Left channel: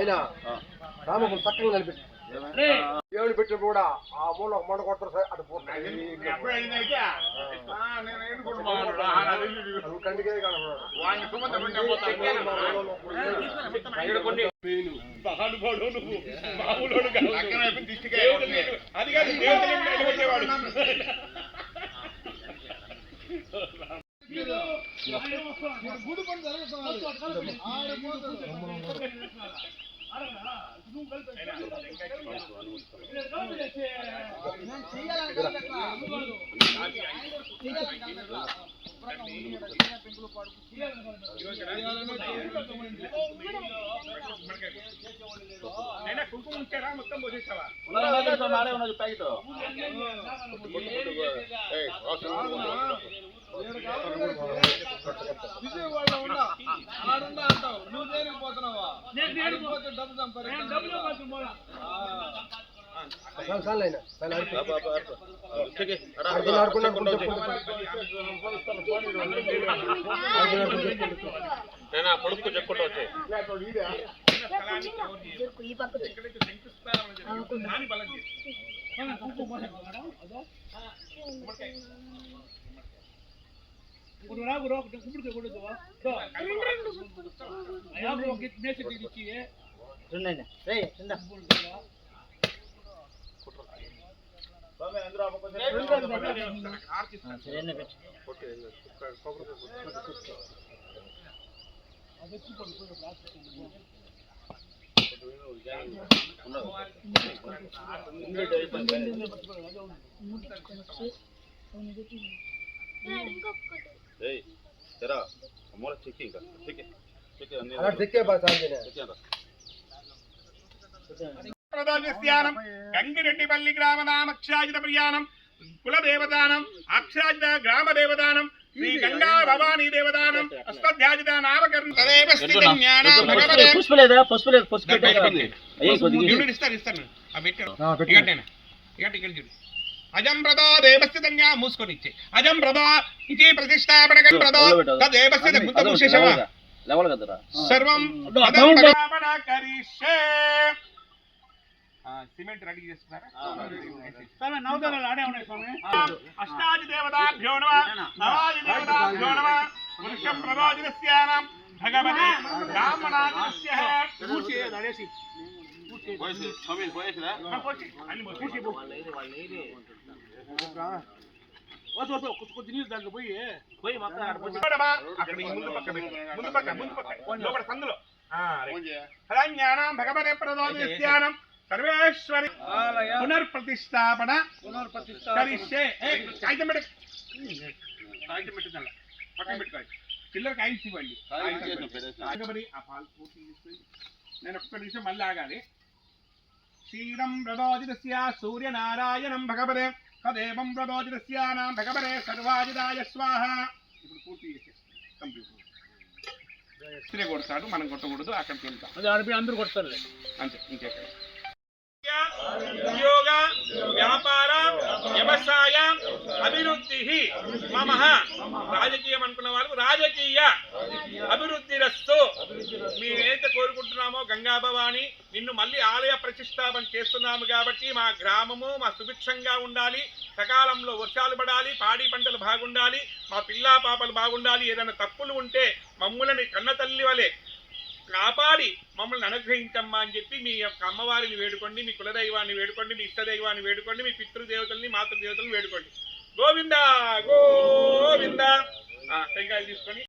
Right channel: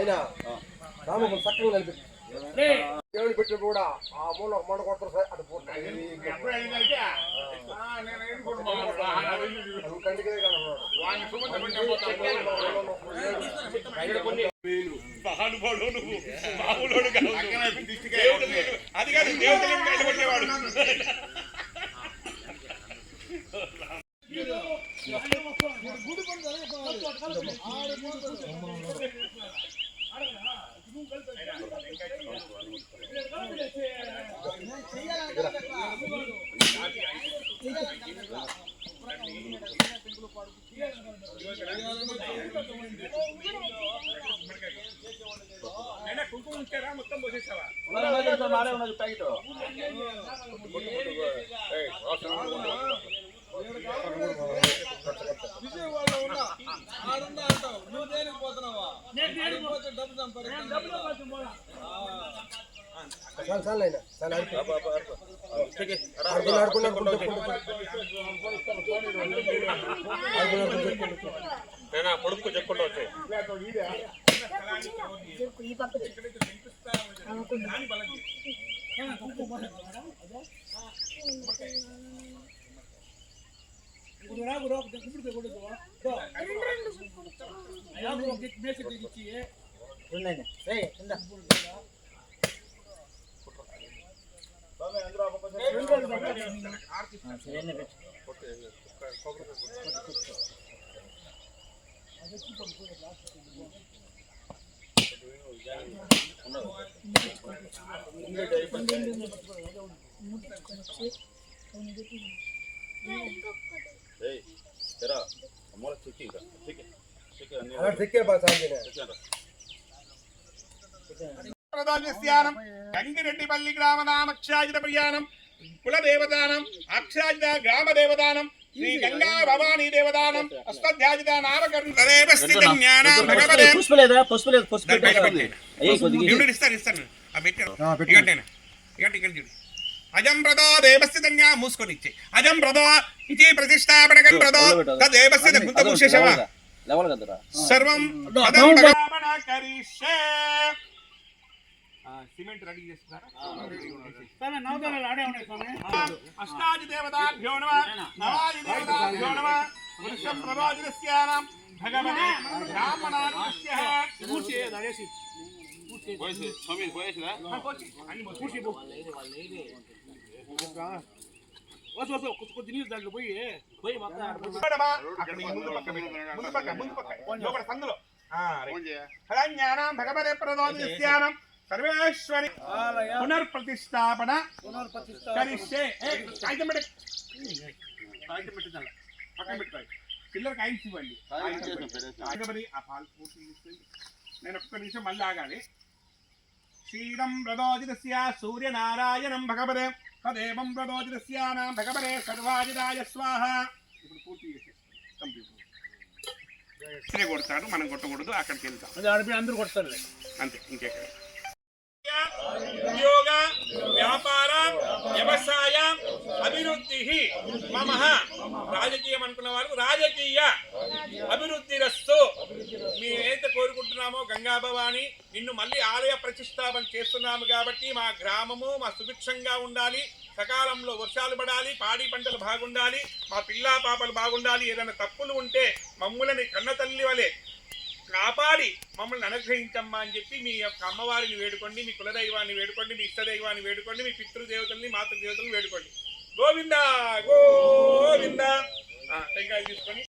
అయినా రామకులు చక్కగా నిలబెట్టి దేవుని పెట్టి కూడా ఆ మూల మండ కొడతారు సార్ అటు కంటికే గుడి పని కుంకుమ ఉంచారా మొత్తం పోసేసావా ప్యాకెట్ విజయవాడలో ఉన్నా ఆడున్నా అంటావు నువ్వు దేనికి పోతున్నావా డబ్బు సంపాదించాలి పొడుపు చెప్పుకుంటూ వచ్చాయి గంగిరెడ్డిపల్లి గ్రామనామ అక్షరాజిత ప్రయాణం కులదేవదానం అక్షరాజిత గ్రామ దేవదానం శ్రీ గంగా భవానీ దేవదానం అష్టధ్యాజిత నామకరణం అజం ప్రదా దేవస్య మూసుకొని ఇచ్చే అజం ప్రదా ఇది ప్రతిష్టాపన సర్వం సిమెంట్ రెడీ చేస్తున్నారా అష్టాది దేవతాభ్యో నమః నవాది దేవతాభ్యో నమః వృషం ప్రవాదినస్యానాం భగవతే బ్రాహ్మణాస్య పూర్తి దరేసి పూర్తి సమీర్ పోయేసిరా పూర్తి అన్ని పూర్తి వస కొద్ది నీళ్ళు దాంట్లో పోయి మొత్తం అక్కడ ముందు పక్క లోపల సందులో హరణ్యానాం భగవతే ప్రవాదినస్యానాం సర్వేశ్వరి పునర్ప్రతిష్టాపన కరిష్యే కాగితం పక్కన పెట్టుకోవాలి చిల్లర కాయిన్స్ ఇవ్వండి ఆ పాలు పూర్తి తీసుకొని నేను ఒక్క నిమిషం మళ్ళీ ఆగాలి క్షీరం ప్రదోజితస్య సూర్యనారాయణం భగవతే తదేవం ప్రదోజితస్యానాం భగవతే సర్వాజితాయ స్వాహ ఇప్పుడు పూర్తి చేసేస్తాం కంప్యూటర్ కొడతాడు మనం కొట్టకూడదు అక్కడికి వెళ్తాం అది అందరూ కొడతారు అంతే ఇంకెక్కడ ఉద్యోగ వ్యాపార వ్యవసాయ అభివృద్ధి మమ రాజకీయం అనుకున్న వాళ్ళకు రాజకీయ అభివృద్ధి రస్తు మేమైతే కోరుకుంటున్నామో గంగా భవాని నిన్ను మళ్ళీ ఆలయ ప్రతిష్టాపన చేస్తున్నాము కాబట్టి మా గ్రామము మా సుభిక్షంగా ఉండాలి సకాలంలో వర్షాలు పడాలి పాడి పంటలు బాగుండాలి మా పిల్లా పాపలు బాగుండాలి ఏదైనా తప్పులు ఉంటే మమ్ములని కన్న తల్లి వలె కాపాడి మమ్మల్ని అనుగ్రహించమ్మా అని చెప్పి మీ యొక్క అమ్మవారిని వేడుకోండి మీ కులదైవాన్ని వేడుకోండి మీ ఇష్టదైవాన్ని వేడుకోండి మీ పితృదేవతల్ని మాతృదేవతలను వేడుకోండి గోవింద గోవింద టెంకాయలు తీసుకొని